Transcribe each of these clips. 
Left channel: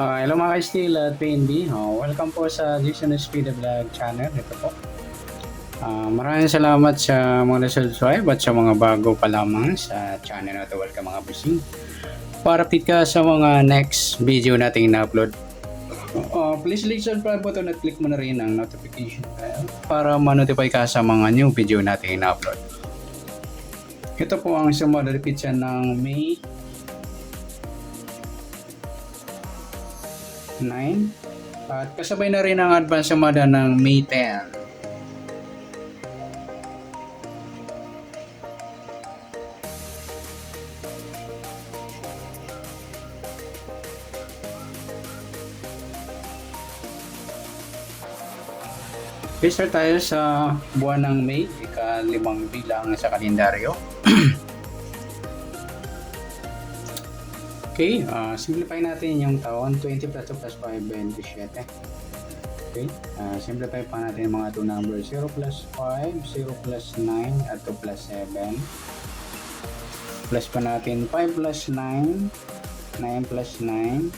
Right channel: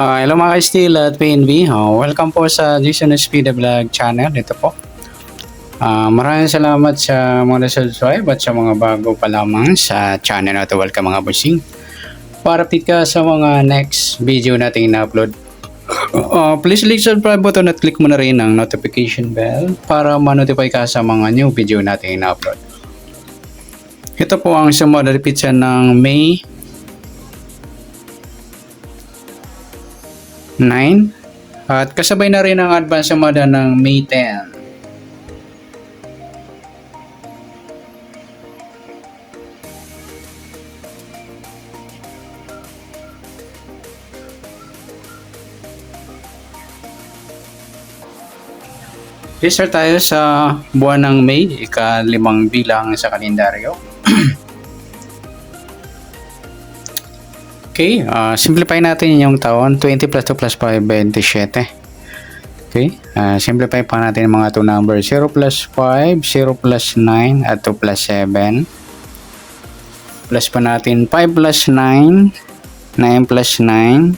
Hello mga ka-Steel at PNB. Welcome po sa Jason Speed Vlog channel. Ito po. Maraming salamat sa mga subscribe at sa mga bago pa lamang sa channel na ito. Welcome mga bossing. Para update ka sa mga next video nating na-upload. Please click subscribe button at click mo na rin ang notification bell para ma-notify ka sa mga new video nating na-upload. Ito po ang sumunod na repeat ng May 9 at kasabay na rin ang advance sumada ng May 10. Start tayo sa buwan ng May, ika-5 bilang sa kalendaryo. Okay, simplify natin yung taon. 20 plus 2 plus 5, 27. Okay, simplify pa natin yung mga 2 numbers. 0 plus 5, 0 plus 9, at 2 plus 7. Plus pa natin 5 plus 9, 9 plus 9.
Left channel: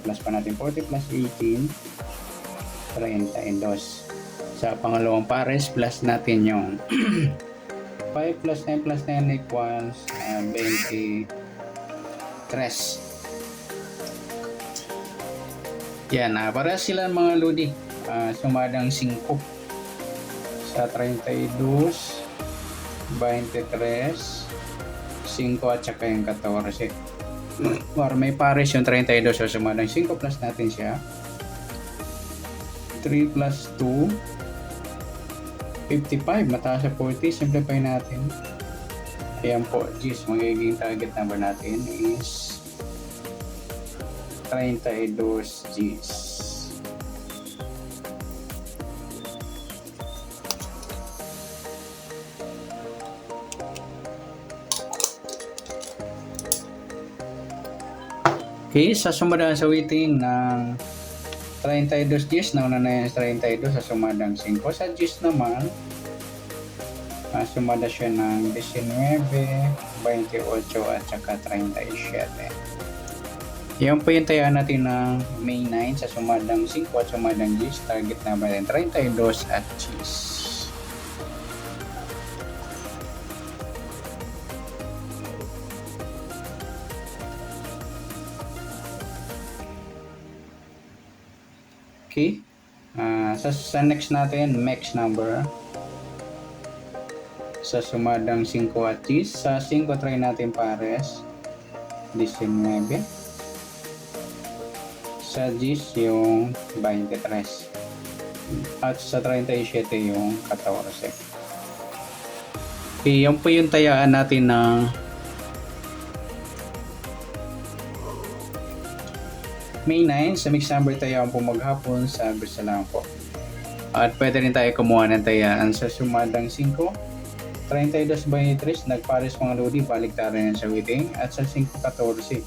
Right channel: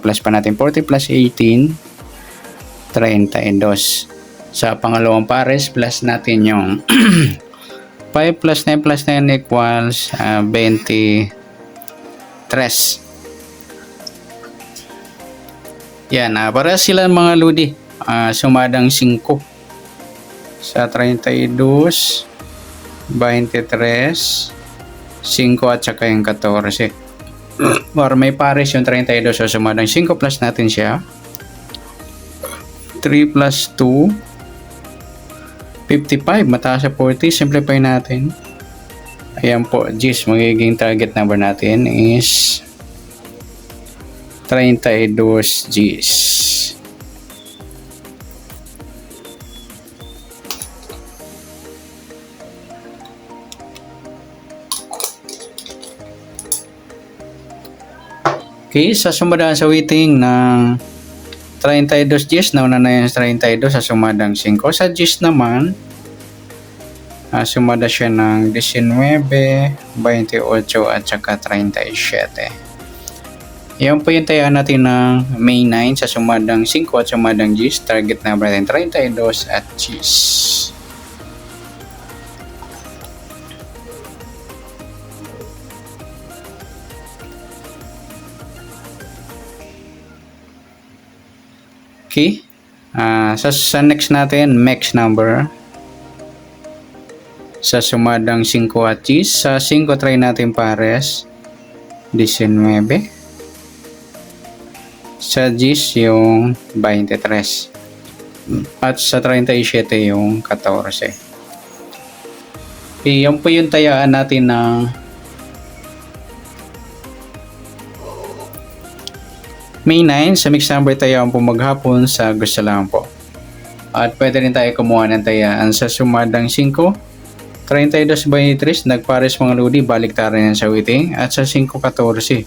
Plus pa natin 40 plus 18, 32. Sa pangalawang pares, plus natin yung 5 plus 9 plus 9 equals 23. Yan, para sila mga ludi, sumadang 5 sa 32, 23, 5 at saka yung 14. Or may pares yung 32, so sumadang 5 plus natin siya. 3 plus 2, 55, mataas sa 40, simplify natin. Ayan po, G's, magiging target number natin is 32 G's. Okay, sa sumadaan sa waiting ng 32 G's, nauna na yung 32 sa sumadang 5. Sa G's naman, sumada siya ng 19, 28 at saka 37. Yan po yung tayaan natin ng May 9 sa sumadang 5 at sumadang G's. Target number natin 32 at G's. Okay. Sa next natin, max number. Sa sumadang 5 at G's. Sa 5 try natin pares 19. Sa G's yung 23. At sa 37 yung 14. Okay, yan po yung tayaan natin ng May 9. Sa mixed number tayaan po maghapon sa gusto lang po. At pwede rin tayo kumuha ng tayaan sa sumadang 5. 32-23, nagpares mga ludi, baliktaran yan sa waiting. At sa 5-14.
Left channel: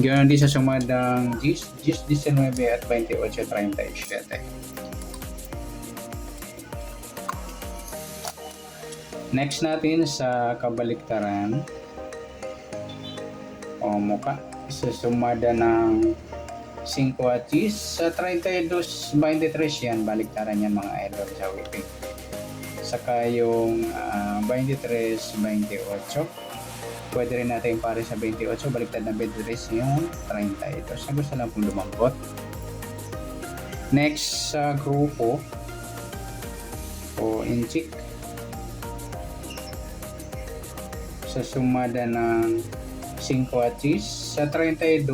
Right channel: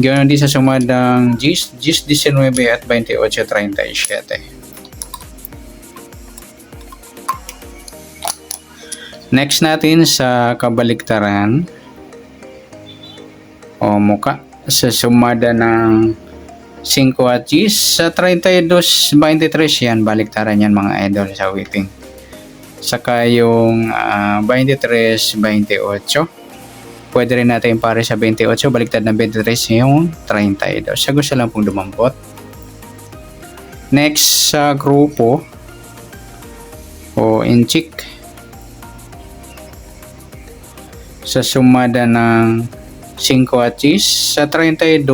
Ganoon din sa sumadang G's 19 at 28-37. Next natin sa kabaliktaran o muka sa sumada ng 5 at G's sa 32-23 yan, baliktaran yan mga idol sa waiting. Saka yung 23-28. Pwede rin natin pare sa 28, baliktad ng 23 yung 32. Sa gusto lang pong dumampot. Next sa grupo o inchik. Sa sumada ng 5 at G's sa 32,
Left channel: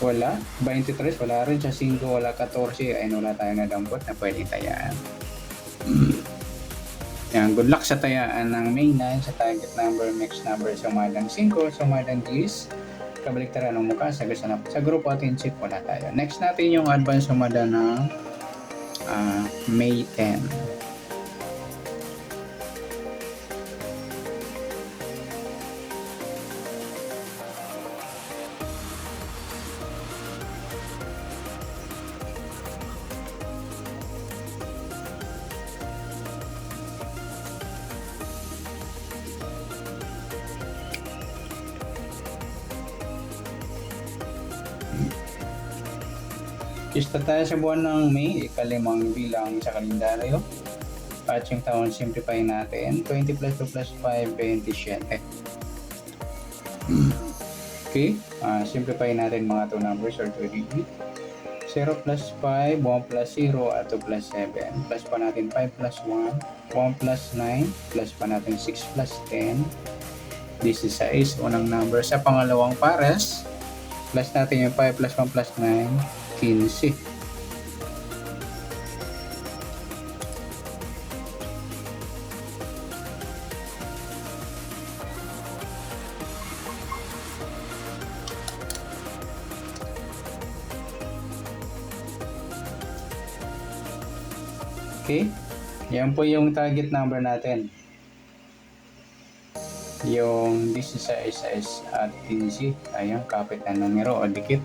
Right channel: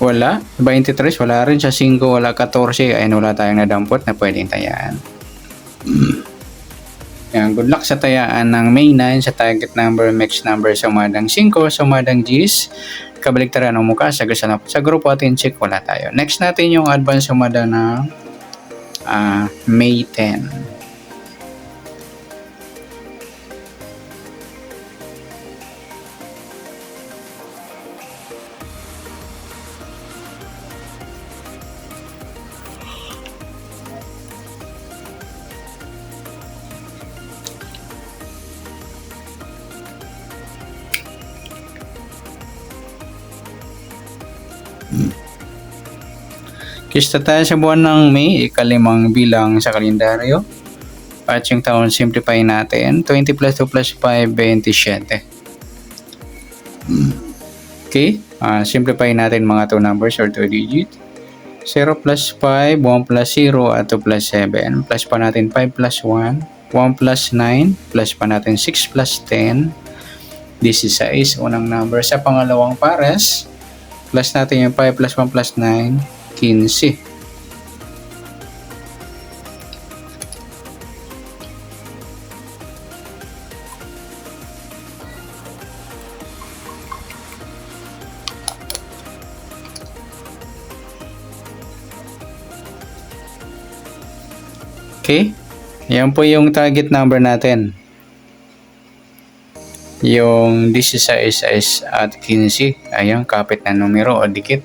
wala. 23, wala rin. Sa 5, wala. 14, ayun, wala tayong nadampot na pwedeng tayaan. Yan, good luck sa tayaan ng May 9 sa target number, max number sa sumadang 5, sumadang G's, kabaliktaran ng mukha sa gusto na. Sa grupo atin check, wala tayo. Next natin yung advance sumada ng May 10. Kista tayo sa buwan ng May, ikalimang bilang sa kalendaryo. At yung taon, simplify natin. 20 plus 2 plus 5, 27. Okay, simplify natin mga 2 numbers or 2 digit. 0 plus 5, 1 plus 0, at 2 plus 7. Plus pa natin 5 plus 1, 1 plus 9, plus pa natin 6 plus 10. 16, unang number. Sa pangalawang pares, plus natin yung 5 plus 1 plus 9, 15. Okay, yan po yung target number natin. Yung 16 at 15, ayun, kapit na numero o dikit.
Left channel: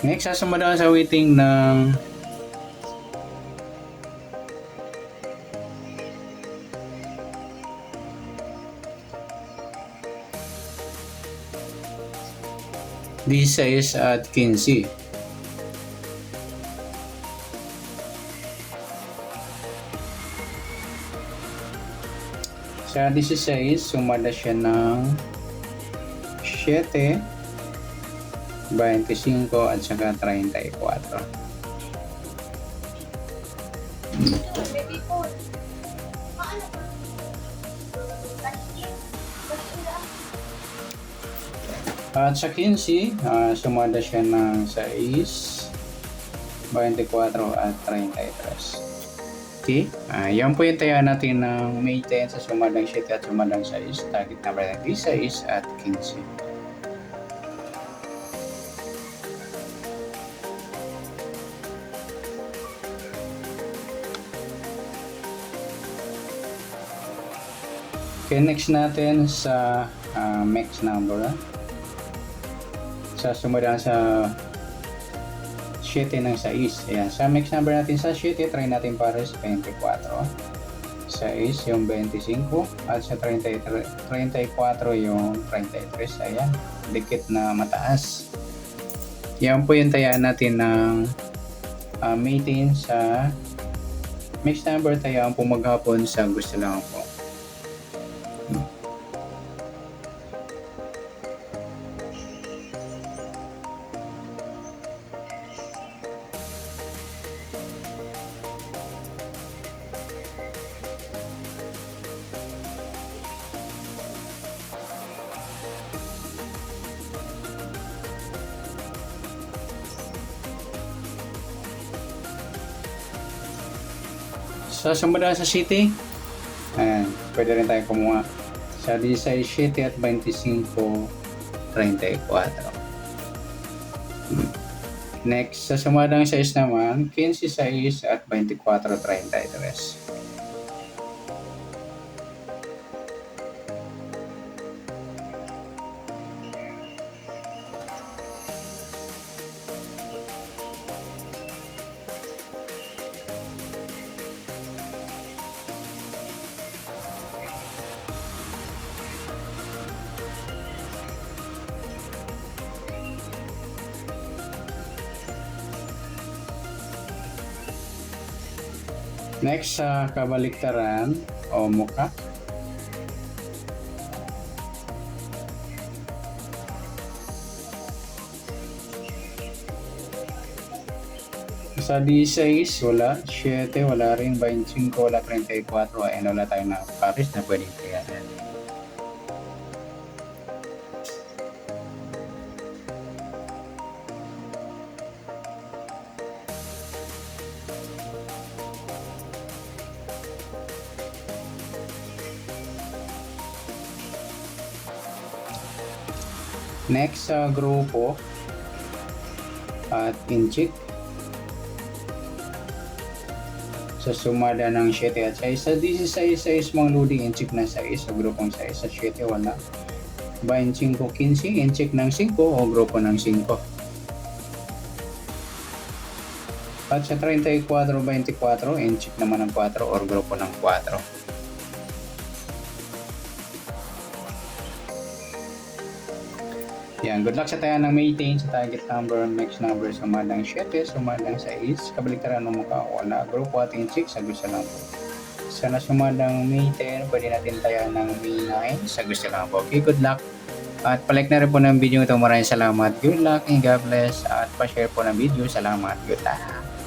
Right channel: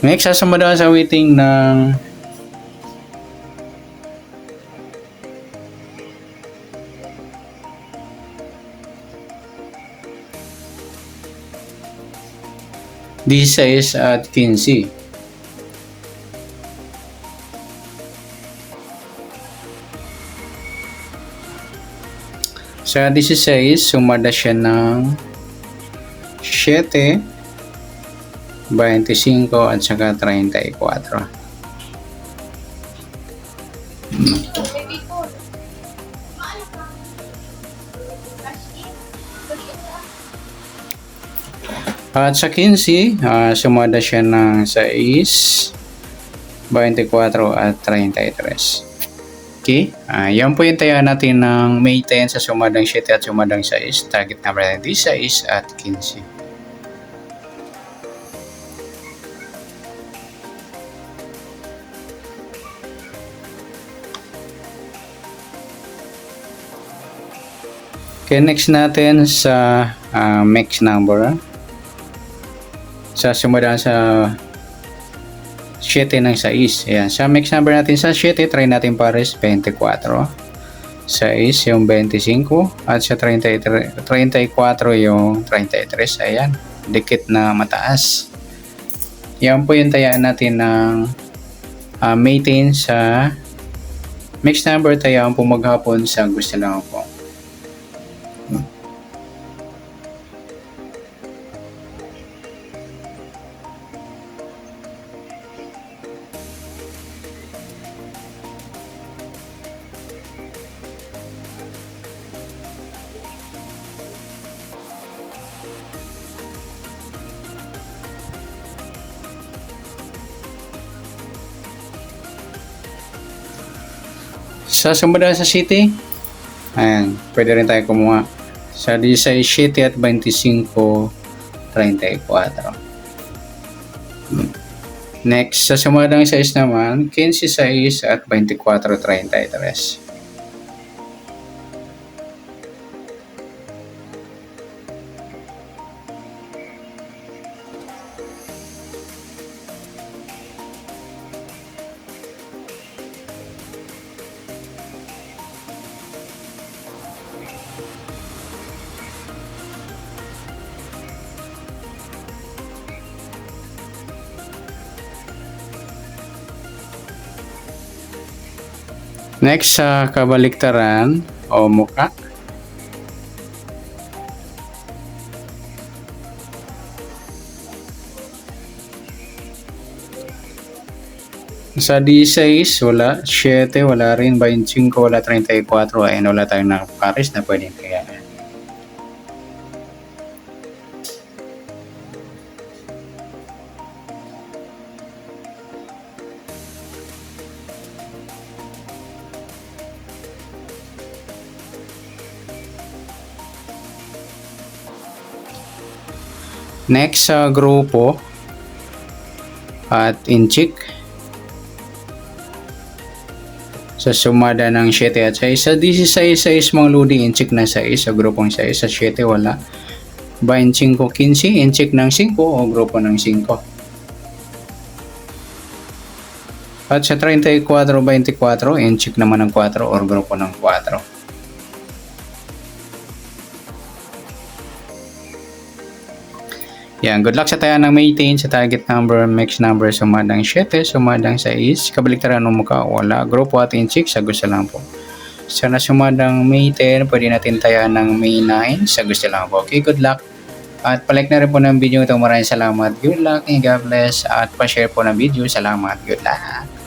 Next, sasunod sa waiting ng D6 at 15. Sa 16, sumada siya ng 7, 25 at saka 34. At sa 15, sumada siya ng 6, 24 at 33. Okay, yan po yung tayo natin ng May 10 sa sumadang 7 at sumadang 6. Target number natin 6 at 15. Okay, next natin sa mix number. Sa sumadang sa 7 ng 6. Ayan. Sa mix number natin sa 7, try natin pares 24. 6 yung 25 at sa 34 yung 33. Ayan. Dikit na mataas. Yan po yung tayaan natin ng May 10 sa mix number. Tayaan po maghapon sa gusto lang po. Sa sumunod sa city, ayan, pwede rin tayo kumuha. Sa 16, 7 at 25, 34. Next, sa sumunod ng 6 naman, 15, 6 at 24, 33. Next, sa kabaliktaran o muka. Sa 16, wala. 7, wala rin. 25, wala. 34, ayun, wala tayong nakapares na pwedeng kayaan. Next sa grupo at inchik. Sa sumada ng 7 at 6. Sa 16 mga lodi, inchik na 6. Sa grupong 6. Sa 7 wala. 25-15, inchik ng 5 o grupo ng 5. At sa 34-24, inchik naman ng 4 o grupo ng 4. Yan, good luck sa tayo ng maintain sa target number, mix number, sumadang 7, sumadang 6, kabaliktaran ng mukha, wala, grupo at inchik, sa gusto lang po. Sana sumadang May 10, pwede natin tayo ng May 9, sa gusto lang po. Okay, good luck. At palike na rin po ng video ito. Maraming salamat. Good luck and God bless. At pa-share po ng video. Salamat. Good luck.